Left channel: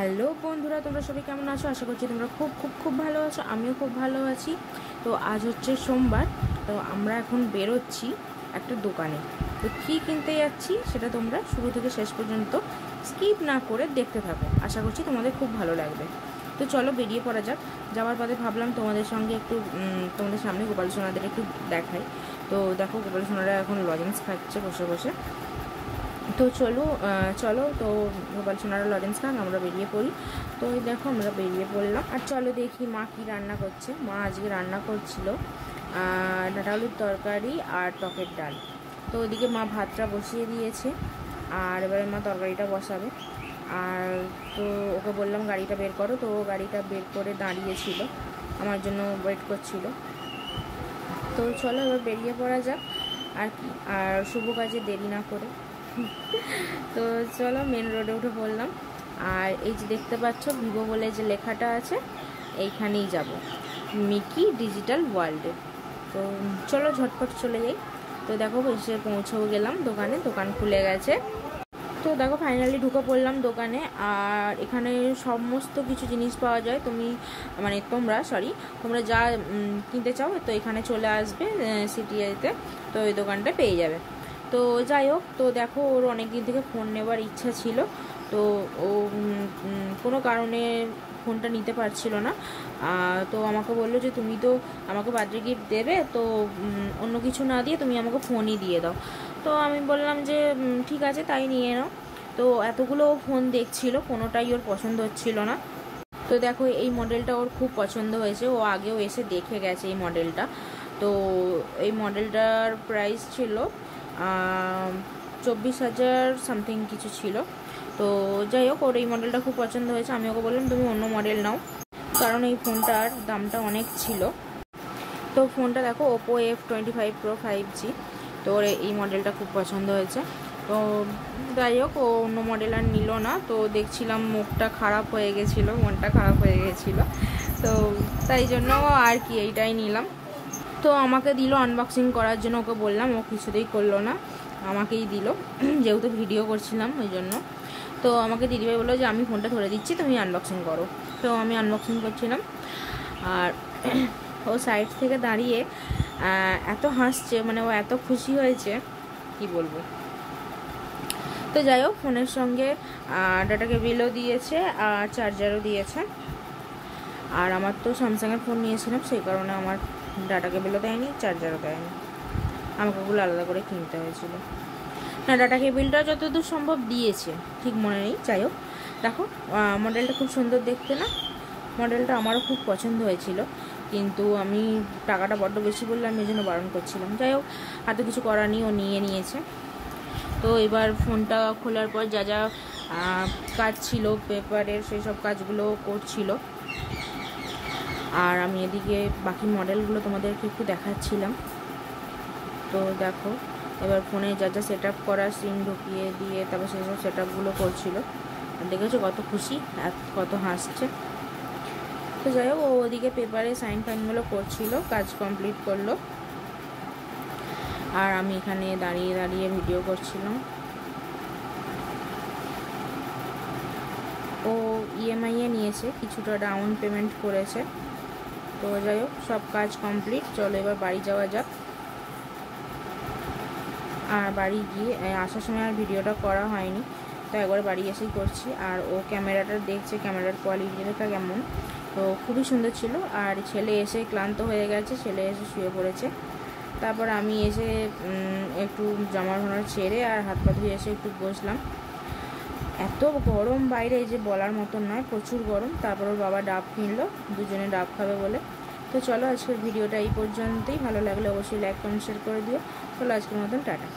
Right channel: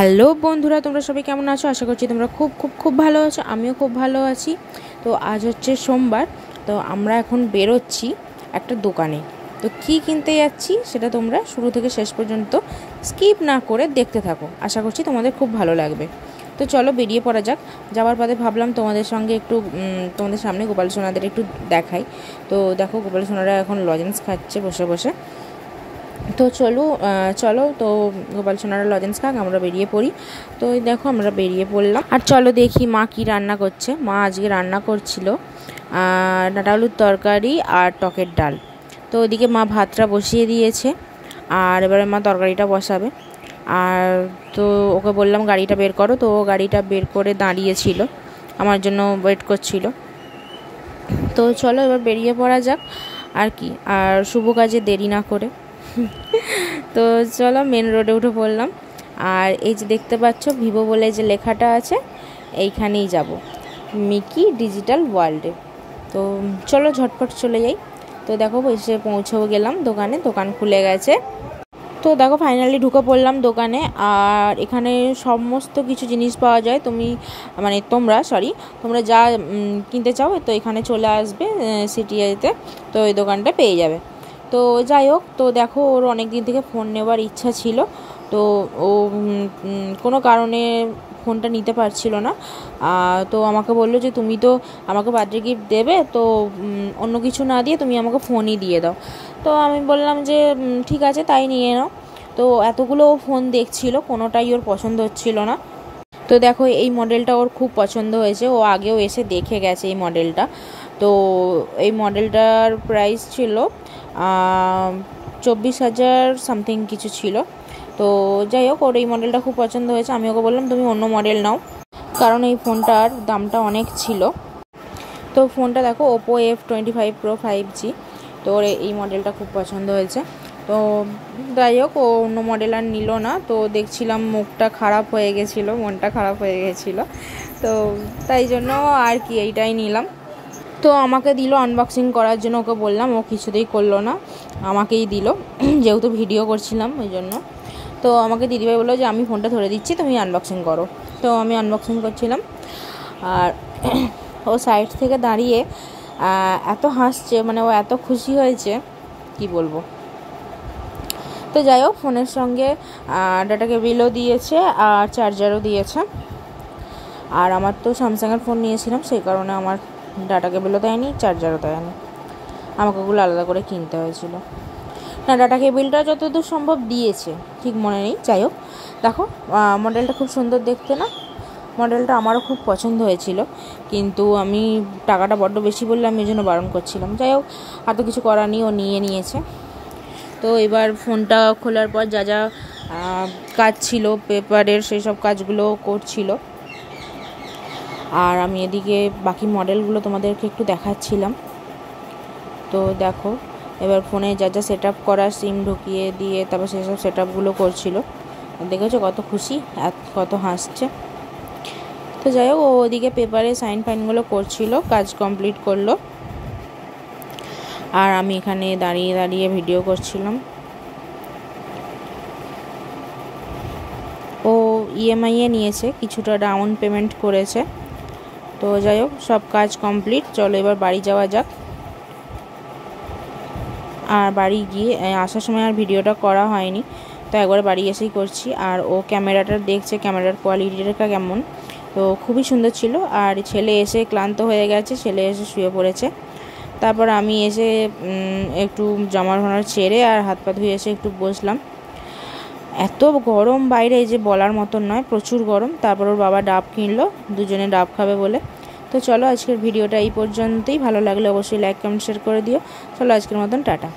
Hello বন্ধুরা, তোমরা সবাই কেমন আছো? আশা করছি তোমরা খুব খুব খুব ভালো আছো। আমিও খুব ভালো আছি। তো আজ হচ্ছে সোমবার। তো আমরা এখন বেরোচ্ছি একটা দোকানে। তো কি কিনতে যাচ্ছি সেটা তোমরা শুরু থেকে শেষ পর্যন্ত স্কিপ না করে দেখতে থাকো। আশা করছি তোমাদের খুব ভালো লাগবে। তো চলো বেরিয়ে পড়া যাক। যাওয়ার পথে ভাবলাম তোমাদের সঙ্গে একটু তোমাদের সামনে গোপাল সোনাদের একটু দেখাই। তো দেখো, গোপাল সোনারা এখন লজেন্স খাচ্ছে বসে বসে। তো চলো তো গোপাল সোনারা লজেন্স খাক, আমরা বেরিয়ে পড়ি। তো এই দেখো আমরা বেরিয়ে পড়লাম। আর চলো দেখি মা কি রান্না করছে। মা আজকে রান্না করছিল ডাঁটা আলুর তরকারি আর টকের ডাল। তো ওইদিকে মা ভাতটা বসিয়ে দিয়েছে, আর এবারে মা তরকারিটা বসাবে। আর তো ওকে বললাম গাড়িটা বের করো, তো ও গাড়িটা বের করে দাঁড়িয়েছিল, আমার জন্য ওয়েট করছিল। তো চলো এবার বেরিয়ে পড়া যাক আর কি, আর শুভ কাজে দেরি না করে। তো চলো মেন রোডে উঠে পড়লাম। আর এই যে দেখতে পাচ্ছ ভিভো বলে যে লেখাটা আছে, এইখানেই যাব, মিকি ডিজিটাল ওয়ার্ল্ডে। তো চলো ঝটপট চলে যাই। তো দেখো এসে পৌঁছেও গেলাম দোকানে, দোকান খুলে গেছে। তো দেখো ফাইনালি ঢুকে পড়লাম দোকানে। আর এখানে সমস্ত কিছু জিনিস পাওয়া যায়। তোমরা যা কিনতে চাও তো এখানে চলে আসবে সিটিতে, তো ওই দোকানটা পেয়ে যাবে। তো যাই হোক, তো দেখো ওর অনেক দিন থেকে ফোন নেওয়ার ইচ্ছা ছিল। তো ও কোনো কারণে ফোনটা নিতে পারছিল না। তো আমাকে বললো যে তুমি তো আমাকে বার্থডে গিফট দেবে, তো অন্য কিছু না দিয়ে তুমি আমাকে ফোনই দিয়ে দাও। তো আমি বললাম যে ঠিক আছে, তাই নিয়ে নাও। তো এতগুলো ফোন দেখছিল, কোনোটাই ওর পছন্দ হচ্ছিল না। তো দেখো এই মডেলটা ওর খুব পছন্দ হয়েছে, ও আগেও এসে দেখে গেছে এই মডেলটা। তো এই মডেলটার প্রাইস ছিল 24,000 সামথিং কিছু ছিল। তো যাই হোক, ওর এই মডেলটা খুব পছন্দ হয়েছে। আমি ওকে বললাম তুমি অন্য মডেল নাও, কারণ এই ফোনটার দামটা অনেক ছিল। তো ফোনটা দেখো ওপো F25 Pro 5G। তো ওর এই মডেলটা খুব পছন্দ হয়েছে। তো যাই হোক, ও অন্য মডেল আর নিল না। তো দেখছিলাম মুখটা খারাপ হয়ে গেছিলো, মনটা খারাপ হয়ে গেছিলো। তো তাই জন্য আর কি এইটাই নিলাম। তো আমাকে দিল আনবক্সিং করার জন্য, ওকে বললাম, ও কিছুতেই করলো না, আমাকেই দিল, যেহেতু ভিডিও করছিলাম ওই জন্য। তো আমাকে দিদিভাই বললো যে আমি ফোনটা ধরে দিচ্ছি, তুমি আনবক্সিং করো। তো আমি আনবক্সিং করছিলাম। আর ও সাইড থেকে দাঁড়িয়ে এত হাসছে, মানে ও এত খুশি হয়েছে কি বলবো। তো যাই হোক, ফোনের সঙ্গে ডাটা কেবিলও দিয়েছে আর চার্জারও দিয়েছে। আর আমার তো স্যামসাংয়ের ফোন নিয়েছিলাম, সেই কারণে আমার ডাটা কেবিলও দেয়নি, চার্জারও দেয়নি, আমাকে ওগুলো আলাদা করে কিনতে হয়েছিল। না, ডাটা কেবিলটা যতদূর সম্ভব দিয়েছে, ঠিক মনে নেই। যাই হোক, দেখো মডেলটা খুব সুন্দর দেখতে না? মডেলটা আমারও খুব পছন্দ হয়েছিল, কিন্তু আমি টাকাটা বড্ড বেশি বললে আমি এই জন্য বারণ করছিলাম। যাই হোক, আর তো কিছু করার নেই, ও নিয়ে নিয়েছে। তো এবার ফোনটা খোলার পর যা যা কাজ ছিল পেপারের, সেই সব কাজগুলো করছিল। আর আমি এদিকে বাকি মডেলগুলো তোমাদেরকে একটু দেখাচ্ছিলাম। তো দেখো এবার ফোনে যা যা সেট আপ করা, সিম ঢুকিয়ে দিয়ে তারপর সেসব সেট আপগুলো করছিল। দেখেছো কত খুশি, কত হাসছে। তো যাই হোক, ও ওদিকে পেপারে সাইন ফাইনগুলো করছিল, কাজ কমপ্লিট করলো। আর আমি এখানে দাঁড়িয়ে দাঁড়িয়ে ভিডিও করছিলাম। ও EMI নিয়েছে, কিছুটা ডাউন পেমেন্ট করেছে। তো যাই হোক, সব কাজ কমপ্লিট। চলো এবার বাড়ি যাওয়া যাক। আর বাড়ি গিয়ে আসার সময় আর ভিডিওটা করা হয়নি, তো একবার বাড়ি এসেই করছি। আর ও ক্যামেরাটা দেখছে, ক্যামেরার কোয়ালিটিটা কেমন। তো খুবই সুন্দর ছিল। আর ছেলে এসে ক্লান্ত হয়ে গেছে, ছেলে এসে শুয়ে পড়েছে। তারপর আমি এসে একটু জামার ফামার ছেড়ে আর হাত পা ধুয়ে এসে একটু বসলাম। এত গরম বাইরে যে বলার মতন নয়, প্রচুর গরম। তারপর ওর বাবা ডাব কিনলো, দুজনে ডাব খাবে বলে। তো চলো আজকের ভিডিওটা এই পর্যন্তই। ভালো লাগলে অবশ্যই লাইক কমেন্ট শেয়ার করে দিও। চলো আজকের মতন টাটা।